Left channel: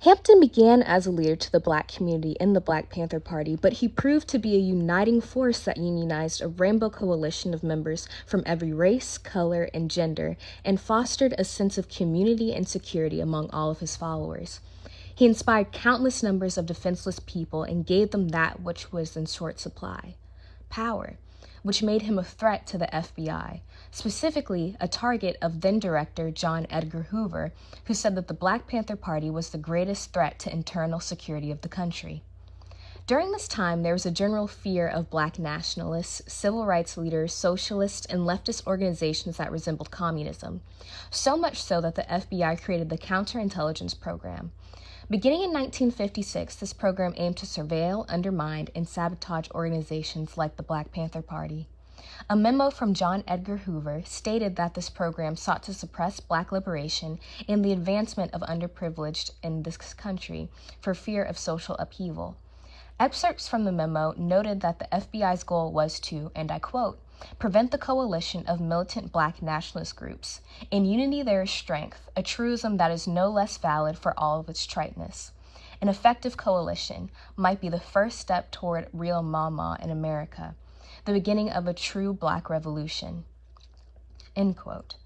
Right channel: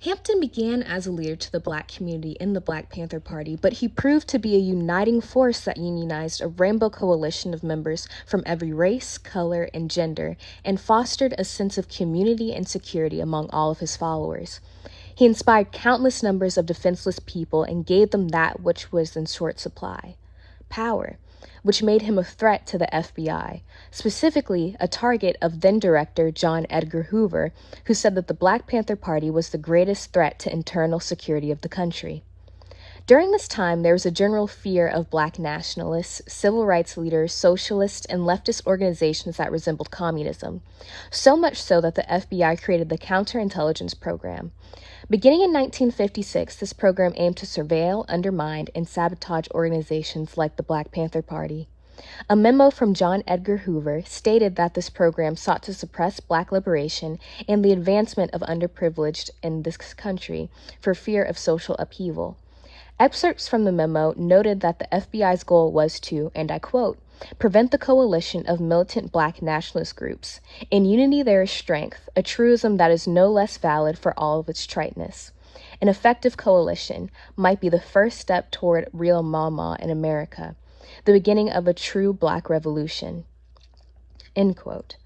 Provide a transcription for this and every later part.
Hampton began as a leader to the Black community in the Black Panther Party, but he proved to be a uniting force that unionized a rainbow coalition of members from every race, color, and gender, and fostered a sense of community and security among all of his followers. He inspired countless numbers of defenseless people and gave them that which was in short supply: power, which made him a threat to the FBI, specifically a target of then-director John Edgar Hoover, who said that the Black Panther Party was the greatest threat to internal security of the country. During this time, there was a general fear of Black nationalists, civil rights leaders, socialist, and leftist organizations that resembled communism, so much so that the FBI created the Counterintelligence Program. Beginning in 1956, this program aimed to surveil, undermine, and sabotage organizations like the Black Panther Party. A memo from John Edgar Hoover stated that this program sought to suppress Black liberation and the advancement of underprivileged in this country for fear of social upheaval. Excerpts from the memo noted that the FBI's goal was to, and I quote, prevent the coalition of militant Black nationalist groups. In unity there is strength, a truism that is no less valid for all of its triteness. An effective coalition might be the first step toward real Mama in America, the beginning of a true Black revolution. End quote.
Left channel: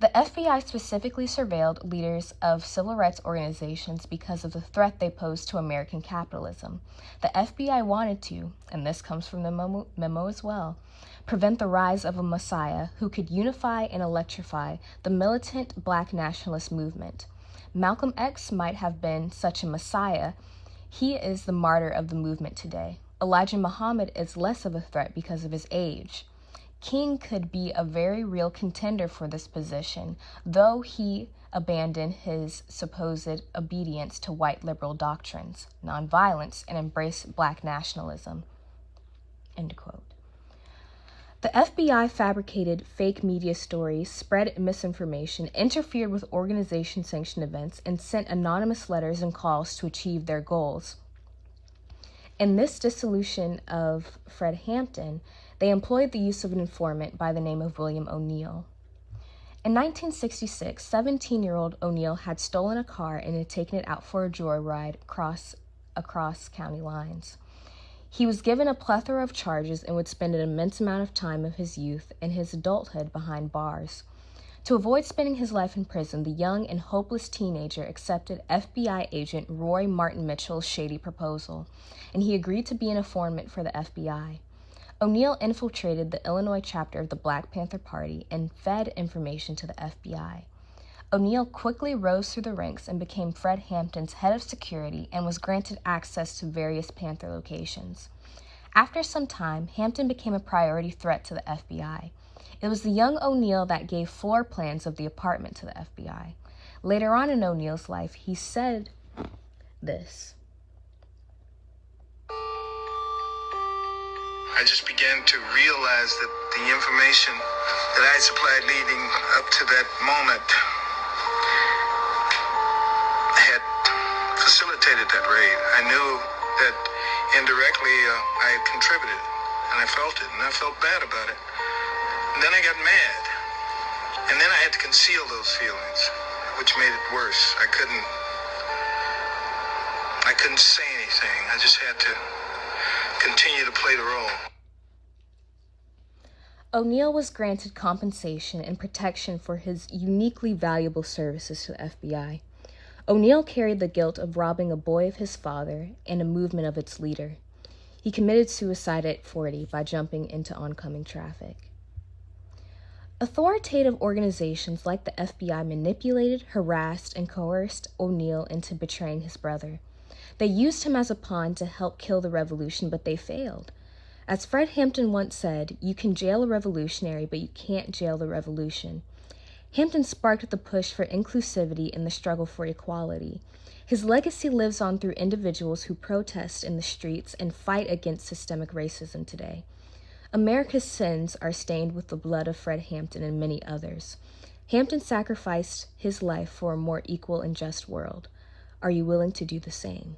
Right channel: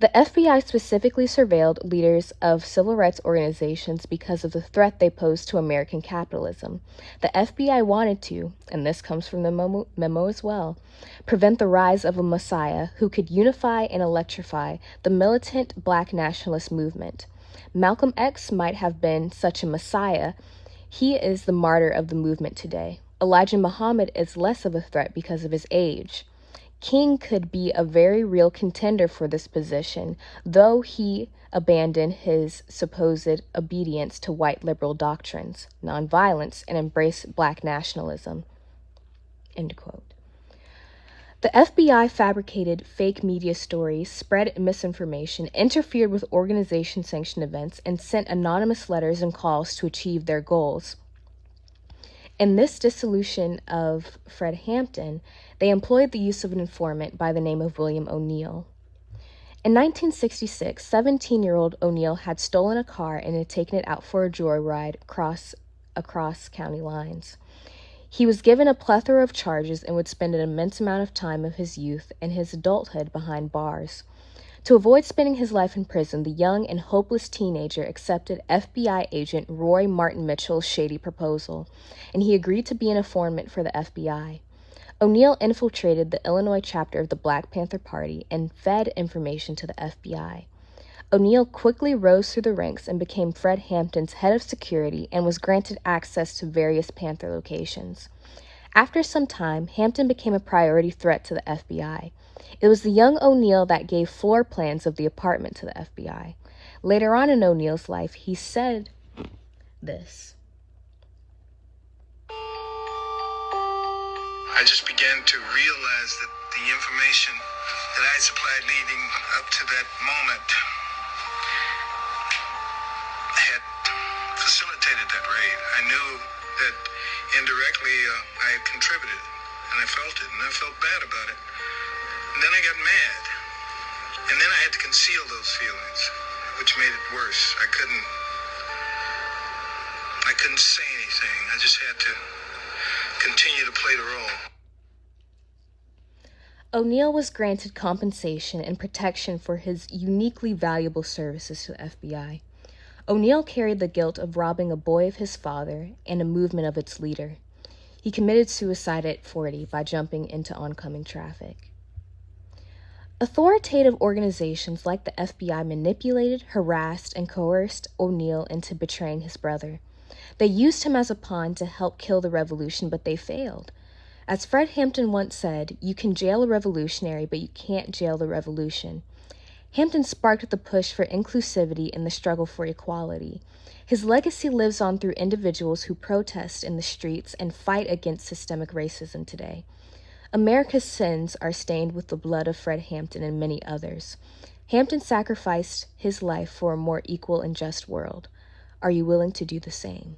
The FBI specifically surveilled leaders of civil rights organizations because of the threat they posed to American capitalism. The FBI wanted to, and this comes from the memo as well, prevent the rise of a messiah who could unify and electrify the militant Black nationalist movement. Malcolm X might have been such a messiah. He is the martyr of the movement today. Elijah Muhammad is less of a threat because of his age. King could be a very real contender for this position, though he abandoned his supposed obedience to white liberal doctrines, nonviolence, and embraced Black nationalism. End quote. The FBI fabricated fake media stories, spread misinformation, interfered with organization-sanctioned events, and sent anonymous letters and calls to achieve their goals. In this dissolution of Fred Hampton, they employed the use of an informant by the name of William O'Neill. In 1966, 17-year-old O'Neill had stolen a car and had taken it out for a joyride across county lines. He was given a plethora of charges and would spend an immense amount of time of his youth and his adulthood behind bars. To avoid spending his life in prison, the young and hopeless teenager accepted FBI agent Roy Martin Mitchell's shady proposal, and he agreed to be an informant for the FBI. O'Neill infiltrated the Illinois chapter of the Black Panther Party and fed information to the FBI. O'Neill quickly rose through the ranks and became Fred Hampton's head of security and was granted access to various Panther locations. After some time, Hampton became a priority threat to the FBI. It was the young O'Neill that gave floor plans of the apartment to the FBI. Later on in O'Neill's life, he said this. I just began to realize that the information that I had supplied leading up to that moment had facilitated that raid. I knew that indirectly I had contributed, and I felt it, and I felt bad about it. And then I got mad, and then I had to conceal those feelings, which made it worse. I couldn't say anything. I just had to continue to play the role. O'Neill was granted compensation and protection for his uniquely valuable services to the FBI. O'Neill carried the guilt of robbing a boy of his father and a movement of its leader. He committed suicide at 40 by jumping into oncoming traffic. Authoritative organizations like the FBI manipulated, harassed, and coerced O'Neill into betraying his brother. They used him as a pawn to help kill the revolution, but they failed. As Fred Hampton once said, you can jail a revolutionary, but you can't jail the revolution. Hampton sparked the push for inclusivity in the struggle for equality. His legacy lives on through individuals who protest in the streets and fight against systemic racism today. America's sins are stained with the blood of Fred Hampton and many others. Hampton sacrificed his life for a more equal and just world. Are you willing to do the same?